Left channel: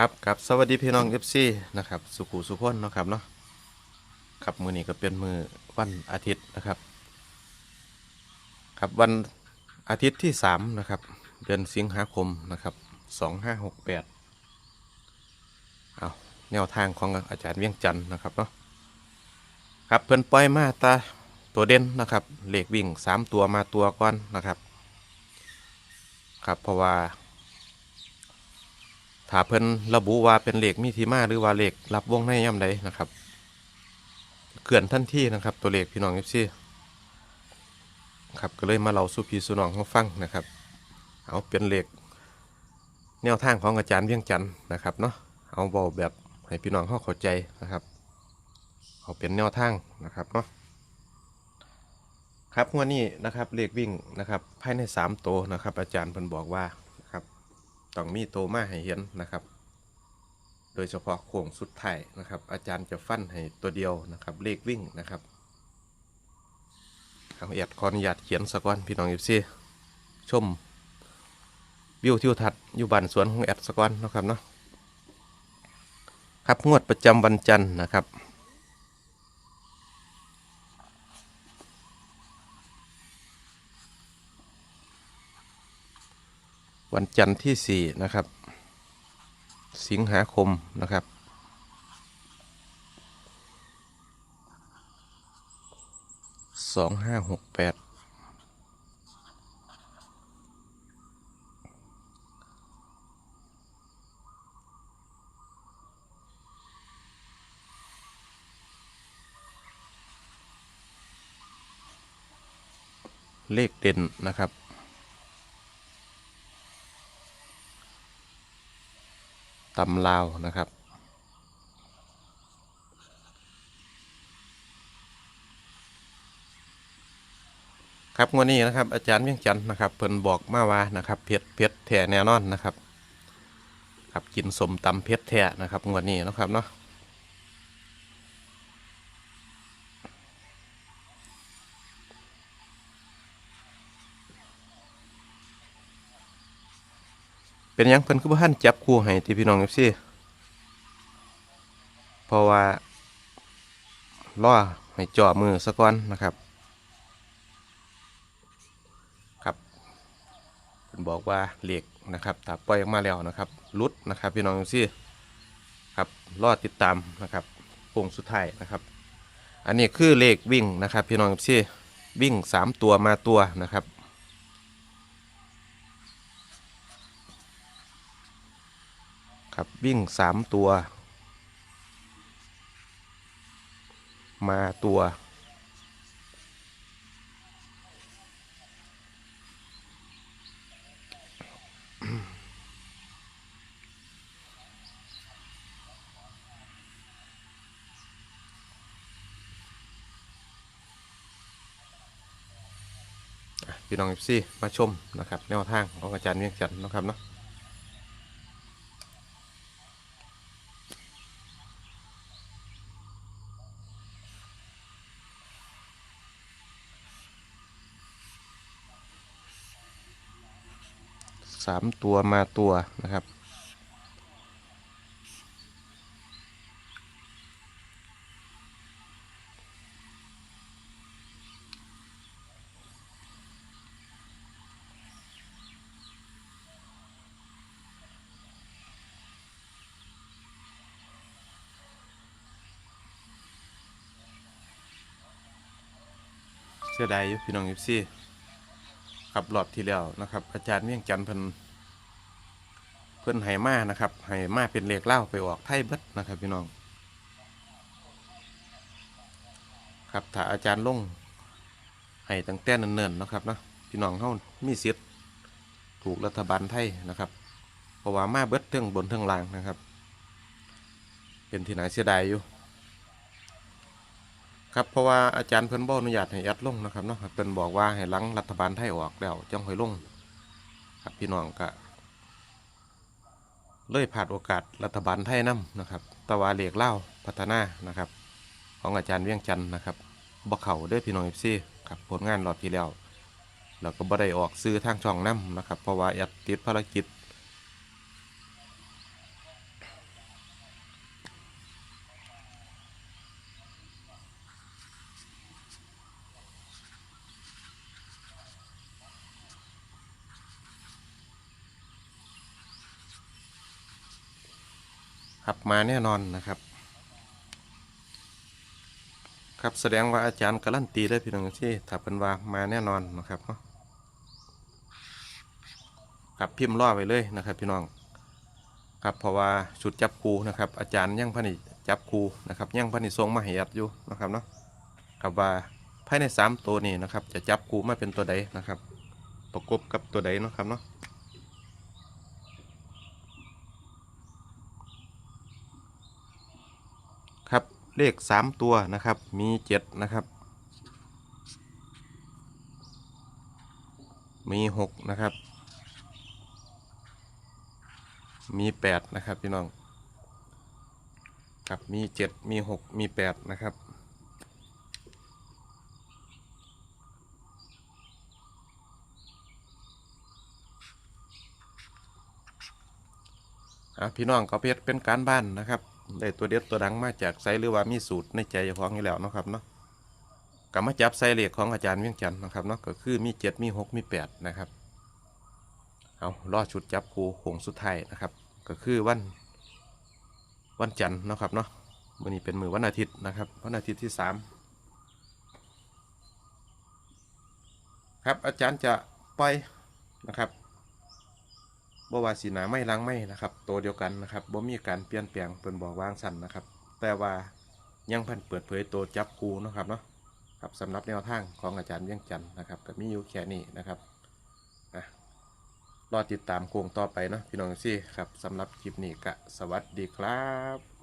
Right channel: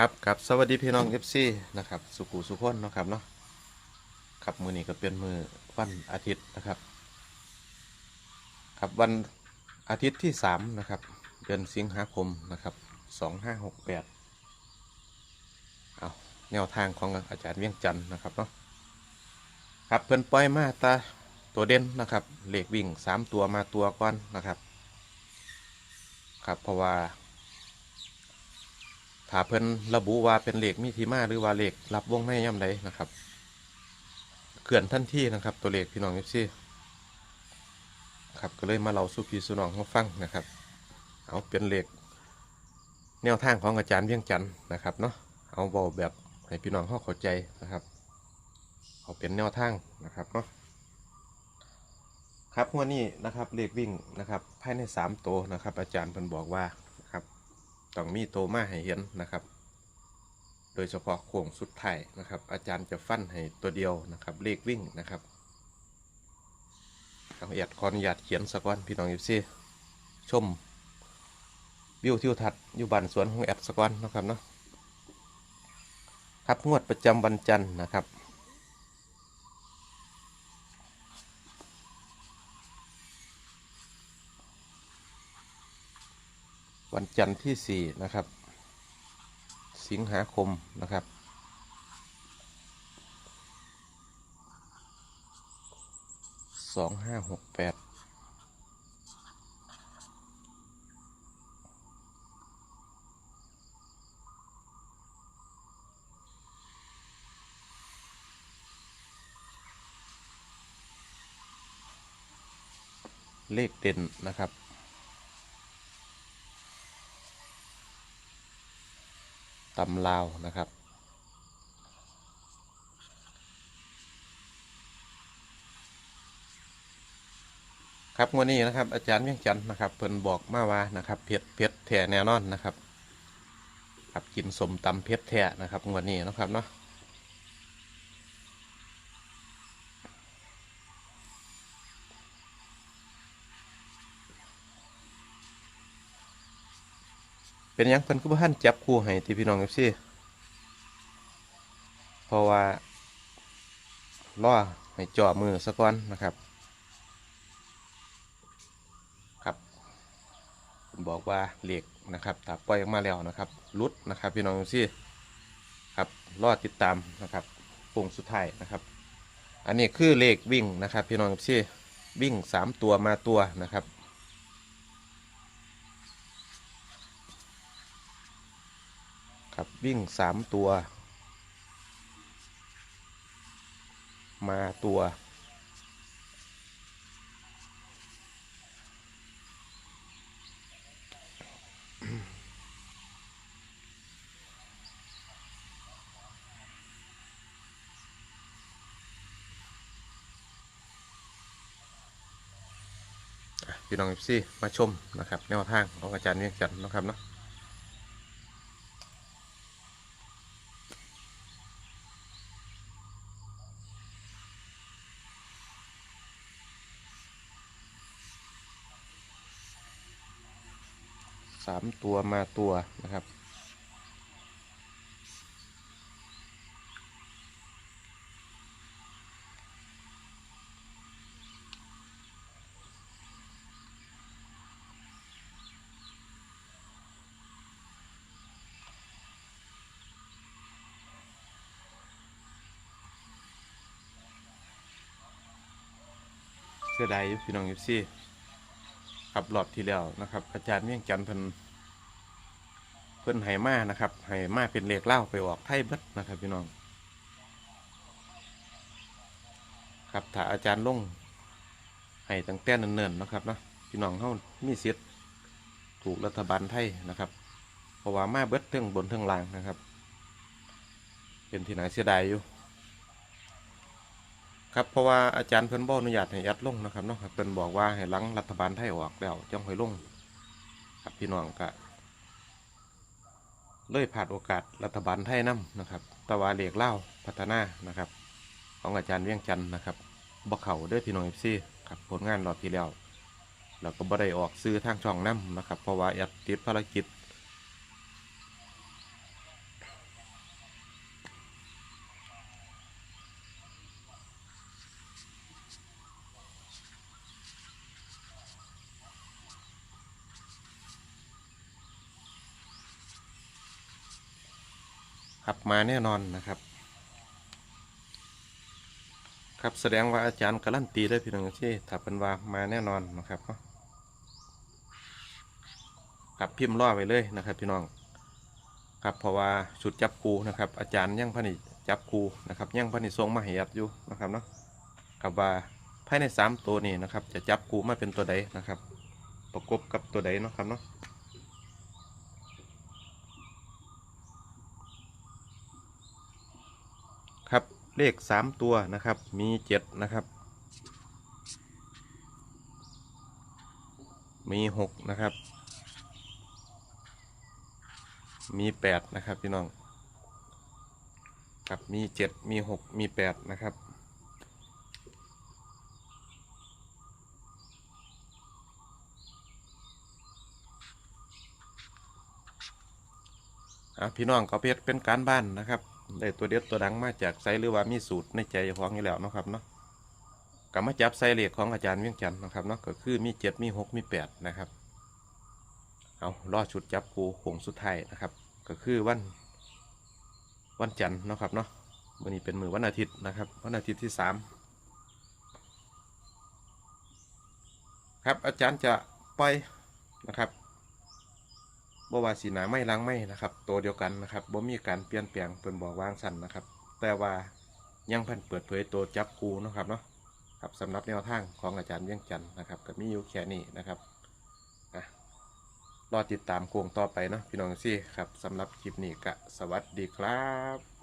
ครับครับสวัสดีพี่น้องเอฟซีนะครับ สุขุสุขนนะครับเนาะครับมือนี้ก็เป็นมือวันอาทิตย์นะครับ ครับวันอาทิตย์ที่สามนะครับ เดือนสิงหาคมนะครับสองห้าหกแปดเอาแนวทางของอาจารย์เวียงจันทร์นะครับเนาะครับเพิ่อนปล่อยมาตาตัวเด่นนะครับเหลขวิ่งสามตัวมาตัวก่อนนะครับ ครับเพราะว่า ถ้าเพิ่นระบุว่าเป็นเหลขมีทีมาหรือว่าเหลขรับวงในย่ำใดนะครับเกื่อนทันทีนะครับ ตัวเลขพี่น้องเอฟซีครับก็เลยมาเล่าสู่พี่สู่น้องให้ฟังนะครับ เอาเป็นเหลขแนวทางของอาจารย์เวียงจันทร์นะครับเนาะเอาเบาแบบให้พี่น้องเขาเข้าใจนะครับ เอาเป็นแนวทางนะครับเนาะครับวันนี้นะครับเลขวิ่งนะครับภายในสามตัวนะครับ อาจารย์เพิ่นบอกว่า ต้องมีโตมาให้เห็นนะครับ โดยเฉพาะโค้งสุดท้ายนะครับ อาจารย์จะฟันให้ตัวเดียวนะครับ เลขวิ่งนะครับทางเอียดขออนุญาตเขียนสกอนพี่น้องเอีซี่ชม วิวทิวทัศน์อยู่บ้านสวนของแอดสกอนนะครับเนาะครับงวดประจำวันจันทร์นะครับ วันจันทร์ที่ 4 นะครับ สิงหาคมนะครับ สองห้าหกแปดเลขเด่นนะครับ ตำลาวนะครับครับงวดนี้นะครับอาจารย์เวียงจันทร์นะครับเพิ่นบอกมาว่านะครับเพชรเพชรแท้แน่นอนนะครับ ครับกินสมตำเพชรแท้นะครับวันนี้นะครับเนาะ เป็นยังเพิ่นคือบ่ทันจับคู่ให้ที่พี่น้อง FC เพราะว่าล่อให้จ่อมือซะก่อนนะครับ ครับเพิ่นบอกว่าเหล็กนะครับถ้าปล่อยออกมาแล้วนะครับลุดนะครับ พี่น้อง FC ครับรอติดตามนะครับโป่งสุดท้ายนะครับ อันนี้คือเลขวิ่งนะครับ พี่น้อง FC วิ่งสามตัวมาตัวนะครับ ครับวิ่งสามตัว มาตัว พี่น้องซี่มาชมนะครับ แนวทางของอาจารย์เวียงจันทร์นะครับเนาะ สามตัวมาตัวนะครับ เสียดายอยู่พี่น้องยิปซี่ครับรอบที่แล้วนะครับ อาจารย์เมี่ยงจันทร์เพิ่น พิ่นให้มานะครับให้มาเป็นเลขเล่าไปออกไทยเบิดนะครับพี่น้อง ครับถ้าอาจารย์ลงให้ตั้งแต่เนิ่นๆนะครับเนาะพี่น้องเขามีสิทธิ์ถูกรัฐบาลไทยนะครับเพราะว่ามาเบิดเทิงบนเทิงล่างนะครับ เป็นที่น่าเสียดายอยู่ ครับเพราะว่าอาจารย์เพิ่นบ่อนุญาตให้แอดลงนะครับเนาะเพิ่นบอกว่าให้ลังรัฐบาลไทยออกแล้วจังค่อยลงครับพี่น้องก็ เลยผ่านโอกาสรัฐบาลไทยนํนะครับตะวาเหลียกเล่าพัฒนานะครับ ของอาจารย์เวียงจันทร์นะครับบ่เข่าเด้อพี่น้อง FC ครับผลงานรอบที่แล้วแล้วก็บ่ได้ออกซื้อทางช่องนํนะครับเพราะว่าแอดติดภารกิจ ครับมาแน่นอนนะครับ ครับแสดงว่าอาจารย์การันตีได้พี่น้องที่ถ้าเป็นว่ามาแน่นอนนะครับเนาะครับพิมพ์ล่อไปเลยนะครับ พี่น้องครับเพราะว่าชุดจับคูนะครับ อาจารย์ยังพันิจับคูนะครับยังพันิทรงมาให้อัดอยู่นะครับเนาะครับว่าภายในสามตัวนี้นะครับ จะจับคูมาเป็นตัวใดนะครับ ประกบกับตัวใดนะครับเนาะ ครับเลขสามตัวนะครับมีเจ็ดนะครับ มีหกนะครับ มีแปดนะครับพี่น้องครับมีเจ็ดมีหกมีแปดนะครับอะพี่น้องก็เพชรเป็นการบ้านนะครับ ได้ตัวเด็ดตัวดังมาจากไซหรือว่ามีสูตรในใจเฉพาะอยู่แล้วนะครับเนาะก็มาจับไซเลขของอาจารย์เวียงจันทร์นะครับเนาะก็คือมีเจ็ดมีหกมีแปดนะครับเอารอชุดจับครูโค้งสุดท้ายนะครับ ก็คือวัน วันจันทร์นะครับเนาะวันนี้เป็นมือวันอาทิตย์นะครับ วันอาทิตย์ที่สามครับอาจารย์จะปล่อยนะครับ บ่ว่าสีหนาไม่ล้างไม่นะครับ ตัวเดียวกันนะครับบ่มีการเปลี่ยนแปลงเปิ่นบอกวางสันนะครับ แต่ว่ายังพันเปิดเผยตัวจับคูนะครับเนาะครับสำหรับแนวทางของอาจารย์เวียงจันนะครับก็มีอยู่แค่นี้นะครับอะรอติดตามโค้งต่อไปเนาะพี่น้องซี่ครับสำหรับคลิปนี้ก็สวัสดีครับ